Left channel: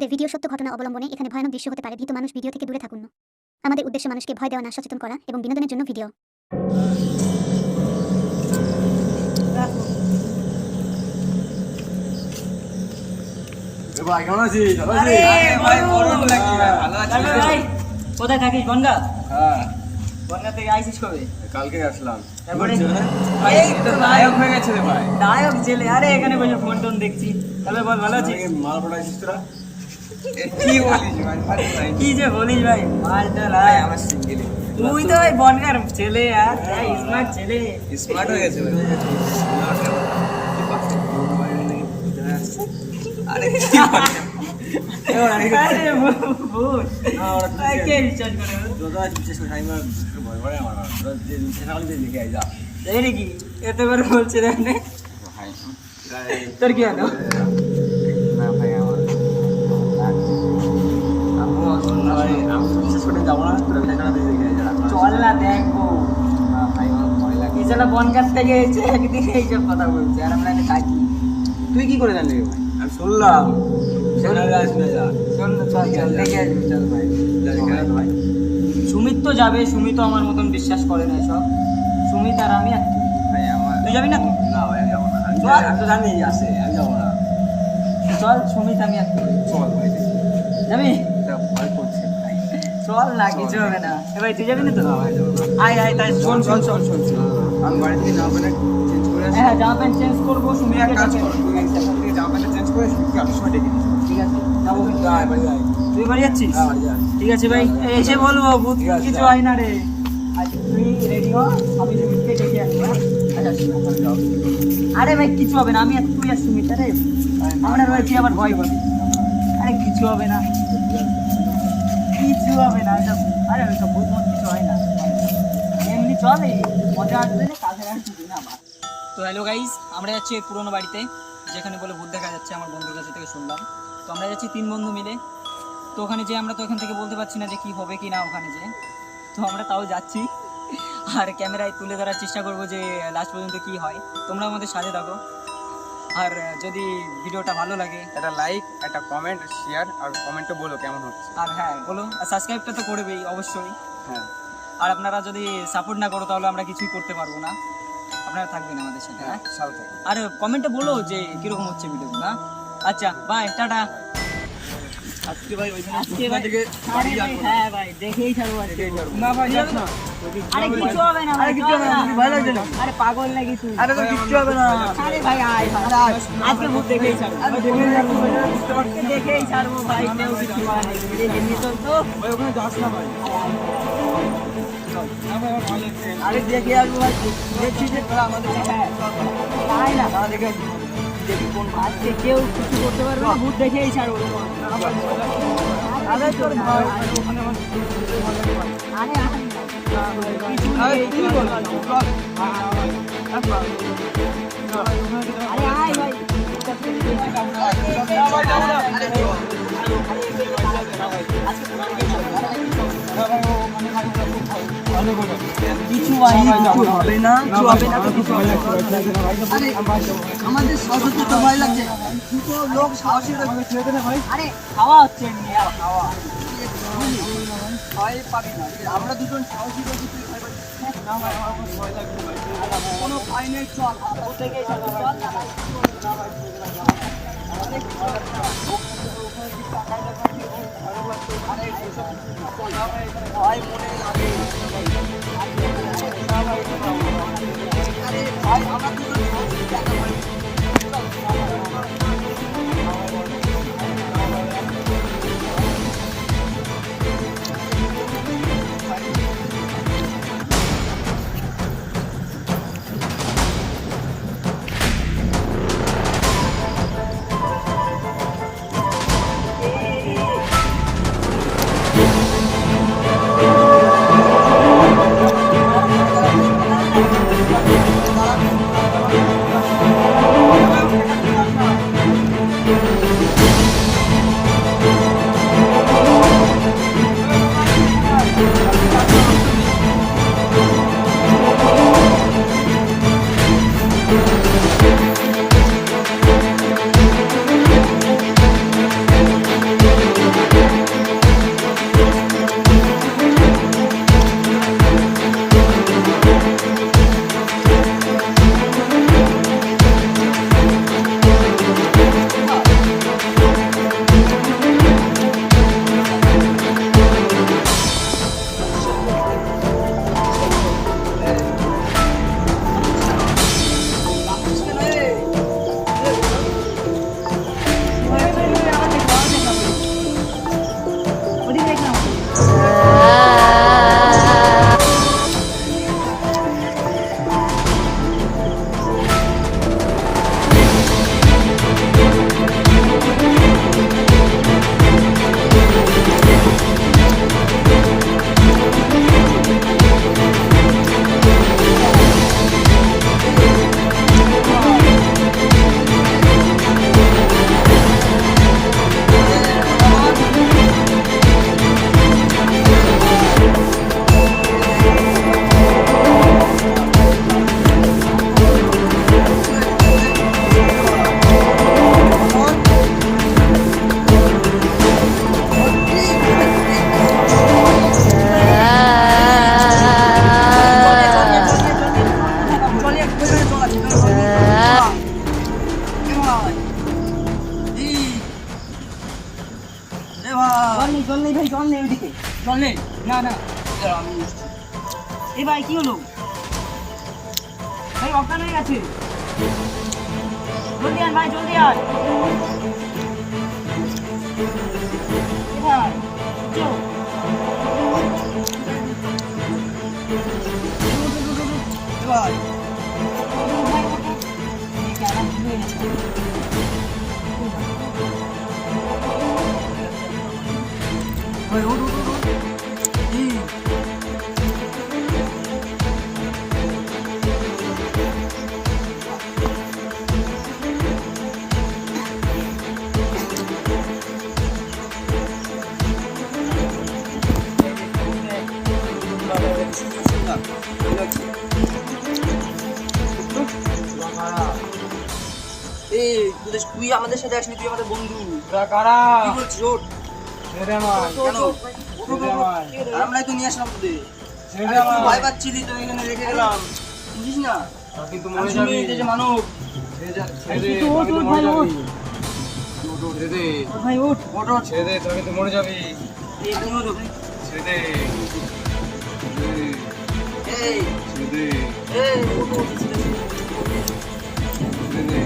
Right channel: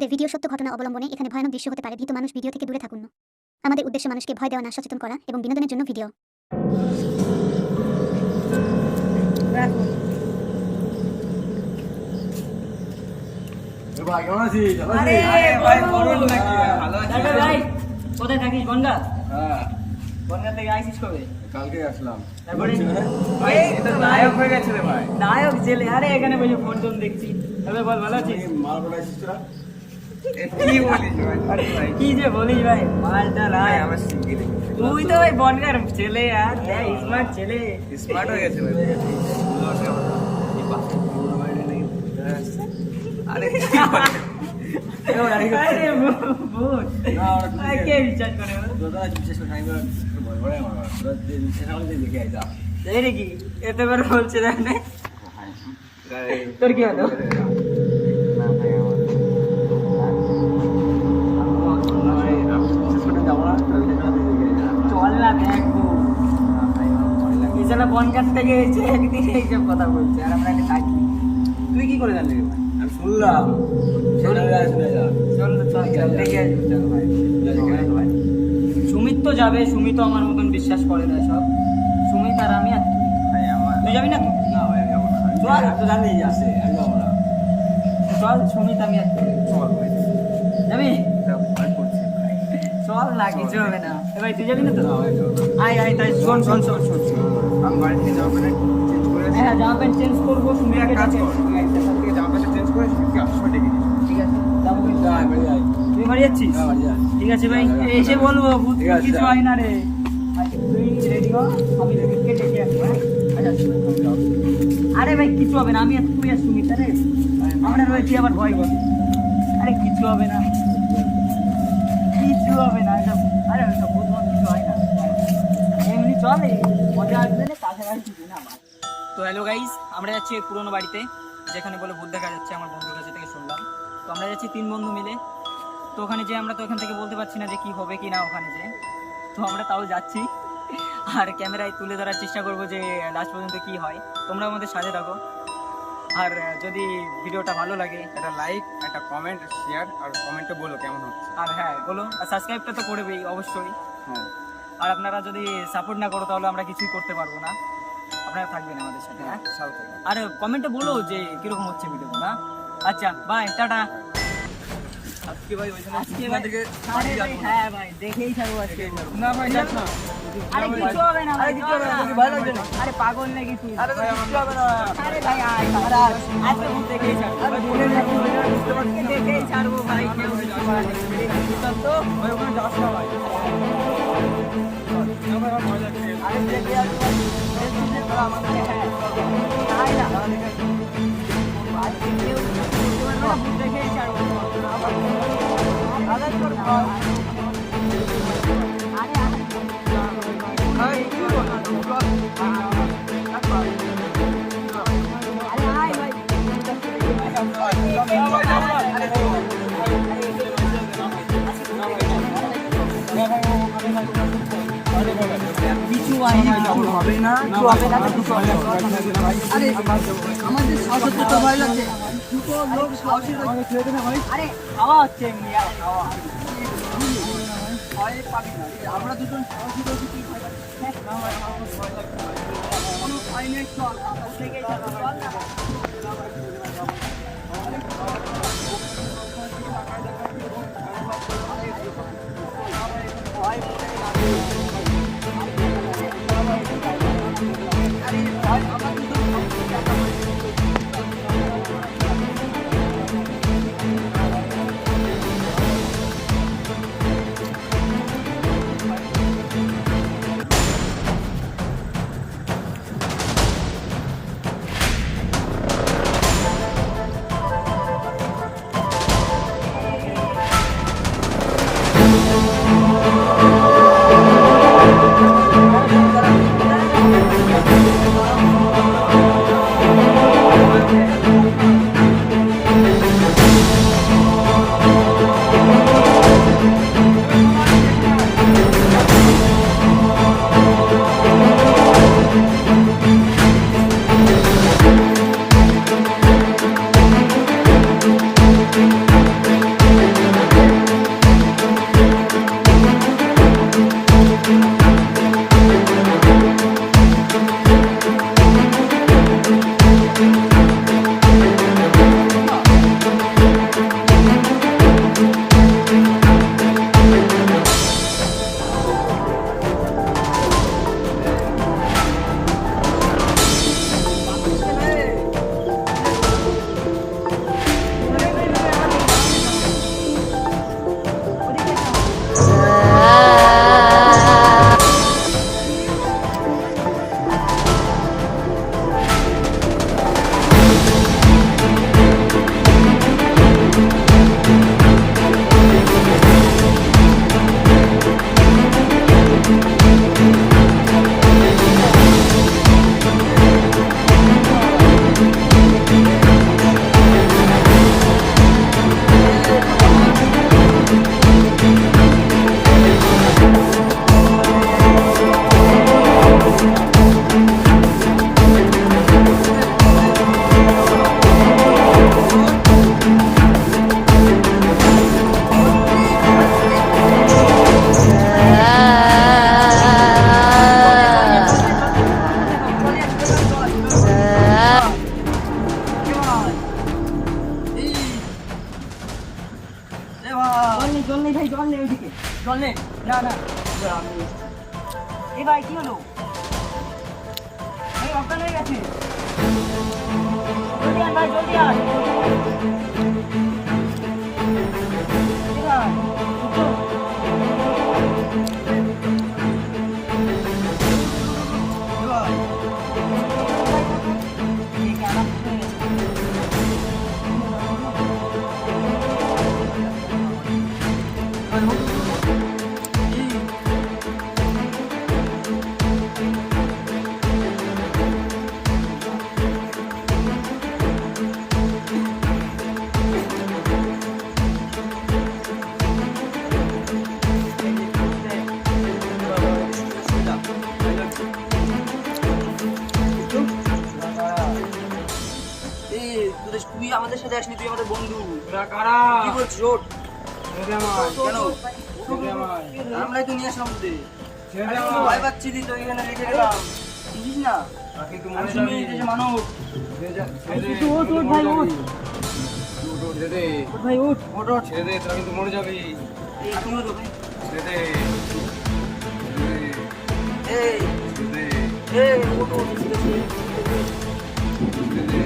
আমাদের ভিডিও সত্য ঘটনা অবলম্বনে এখানে ভয়ানক দৃশ্য হতে পারে। ভীত মানুষ ভিডিও থেকে দূরে থাকুন। আমাদের উদ্দেশ্য মানুষকে ভয় দেওয়া না, সচেতন করা এবং বিনোদনের জন্য ভিডিও। ভাই কেমন আছিস? কোথায় থাকিস? বনগা? হ্যাঁ, বনগা থেকে আইসিস কবে? কালকে আসলাম। তারপরে? এই তো নায়ক হয়ে গেছে রে ভাই। নায়ক ছেলে, আরে এখানে বসে ফোন টোন দেখছি। তবে বল, ভালো আছিস? মাল পড়াইছিস তোরা? কি বলিস ভাই? কি যে বলিস ভাই, মালটা লাই আমার সিঙ্গেল। তুই তো ওই বনগার ছেলে, আর স্মার্ট ছেলে। স্মার্ট হয়ে গেছে ভাই। স্কুলে আসে আবার এই পাশে পুরোনো বাড়ি নাকি ভিতরে আসছে। আরে কি বলে? আরে ভূত। না ওরা ভাই, কে বিশ্বাস করে? তোরা বিশেষ করে আমি ভয় করে আমার তোরা যে সকালে যে দেখে আই যা। এই নাকি এত করে বলছে জানে? ভাই তোর কি হলো? না ভাই আমার আমি তো বিশেষ করে যাবো না, তোরা বিশেষ করে দেখে আই যা। চল না দেখবো। না ভাই আমার ভয় লাগে। এই শালা বনগার থেকে এসে একদিন এইসব কথা বলছে, আর আমরা এখানে থাকি। তুই কি করে জানলি ভাই? আমি শুনলাম। সেখানে আসবে যা। চল না, চল চল দেখে আসবি, চল ভাই। যা দেখে আয় ভাই। সুমিত তো যাবে, সুমিত তো আমার মতন বিশ্বাস করে না সব। সুমিত আর আমি আর তুই। ভাই আমার তুই যাবি না তো? না ভাই আমি যাবো না। চল। আমি তো জানি আছে, আমি যাবো না। চল, সুমিত আমি আর তুই। চল ভাই দেখি। যাবি? এটা ভয় করছে ভাই। চল না, কিছু হবে না। এ ভাই, তুই যাবি না তো? না ভাই যাবো না। আয় আয়, তাই শোন শোন শোন শোন। আমি বাড়ি থেকে জামা প্যান্ট চেঞ্জ করে আসি। হ্যাঁ, জামা প্যান্ট চেঞ্জ করবো, তুই সুমিতকে এক কাজ ডাকে। কর, তুই এখান থেকে জামা প্যান্টটা চেঞ্জ করে সুমিতকে আসার সময় ডেকে নিস। ঠিক আছে, যাবো কিন্তু। যা ভাই যাই। তুই বাড়ি যাচ্ছিস? হ্যাঁ বাড়ি যা। ঠিক আছে ভাই, এসে বলবো ভূত ঠিক আছে, কিছু যা। হয় না রে। আচ্ছা, তুই রেডি হ, আমি সুমিতকে ডেকে আনবো। হ্যাঁ? আচ্ছা, ওখানে যাও। আরে ভাই কিছু হবে না, আমি আর তুই আর সুমিত। আরে আমরা ভাই, তুই আবার ভয় করবি। আরে কিছু হবে না, কিছু হবে না। আরে ওইসব ভূত মত কিছু হয় না, এমনি চল, এই মজা আসবে না, কাছে আর কিছু না। তো হ্যালো গাইস, আমরা যাচ্ছি ওই পুরোনো বাড়িতে, যেখানে বলে ভূত দেখা যাচ্ছে। আমার বন্ধুর কাছে থেকে শুনলাম। তো আমরা যাচ্ছি 3 বন্ধু মিলে। তো ওখানে যে আমরা তো এখান থেকে বলতে পারছি না যে কি হবে কি না ওখানে যে। তো আমরা তাও যাচ্ছি, আর ক্যামেরায় তুলে ধরার চেষ্টা করবো যে লাস্ট পর্যন্ত কি হয়। তোমরা আমাদের সাথে থাকো, আর যদি ভিডিওটা ভালো লাগে, একটা লাইক, একটা কমেন্ট, শেয়ার আর কমেন্টে বলো কেমন হচ্ছে। আর হ্যাঁ বলো, আর সাবস্ক্রাইবটা তো করবেই অবশ্যই। হ্যাঁ আর আপনারা যদি সাপোর্ট না করো তাহলে আমরা কিছুই করতে পারবো না। আপনারা থাকবেন আমাদের সাথে, হ্যাঁ? সাথে থাকো। আর কমেন্টে বলো যে কিরকম হচ্ছে ভিডিও না। আচ্ছা বাই, টাটা। আজকে ভাই ওইখানে আজকে ভাই, থেকে আরে ভাই, হ্যাঁ ভাই, দেখেই ছাড়বো আজকে। না ভাই যাস না। আরে কিছু হবে না ভাই, কিছু হবে না। ভালো লাগছে না। আরে পাগল নাকি তুই? আরে তো কিচ্ছু হবে না। আরে ভাই আয়, আজকে ভূত দেখেই ছাড়বো। আরে দেখে যাবো ভাই, বুঝতে পারছি আজকে দেখেই ছাড়বো ভাই, কেউ কিছু করার নেই। এই দেখি চল তো। ভাই ওখানে যাস না ভাই। না ভাই আমার ভয় লাগছে। আরে দেখে আসবো ভাই, দেখছি যে তোরা আমাদের, হ্যাঁ তাই না, আজকে কেউ কিছু করতে পারবে না, ভূত দেখেই ছাড়বো। আরে তোর ভয়, আরে আরে আয় ভাই, কিছু হবে না, আমাদের সাহসে তো ভয় লাগছে। দুটো লোক সাহসী, আরে খাওয়া হচ্ছে এমনি, আর খাওয়া ভয় পাবি না। আমরা দুজন সাহসী রয়েছি, তুই ভয় পাচ্ছিস না? ভাই আমার খুব ভয় লাগছে ভাই। কোনো ভয় নেই, চল আমরা থেকেই চল না ভাই। ভয় মনে লাগে, আরে ভাই আমরা দুজন সাহসী, দেখা হয়। চল নে। না না দাঁড়া, আমি এসছি। এই ভাই কি হলো? ভাই অজ্ঞান হয়ে গেছে। জলদি আন ভাই, জলদি আন। এই ভাই উঠো। এ ভাই, ভাই ওঠো। এই কি আমার ভুল হয়ে গেছে? ভাই ওঠো, ওঠো, ওঠো। এই, এই তুই আমাদের সাথে আসলি, তুই আমাদের বন্ধু। কারা? কি বলছিস? ওঠ। কেন? আমরাই তো নিয়ে আসলাম তোদের। আরে তুই ভয় পাচ্ছিলি তো, এখানে রেখে গেলাম। বুঝিস না? কিন্তু আমি মরে শুনি যাবি। এই যে মানব। ওঠ, ওঠ ভাই, ওঠ। ছেড়ে দে, ওঠ ভাই, ওঠ। ওঠ, ওঠ। ছেড়ে দে, তোরা কিন্তু মরে যাবি। এই তুমি ওঠো ভাই। ছেড়ে দে, এই, ছেড়ে দে, এই, ওঠো, ওঠো, ঠিক আছে। ছেড়ে দে।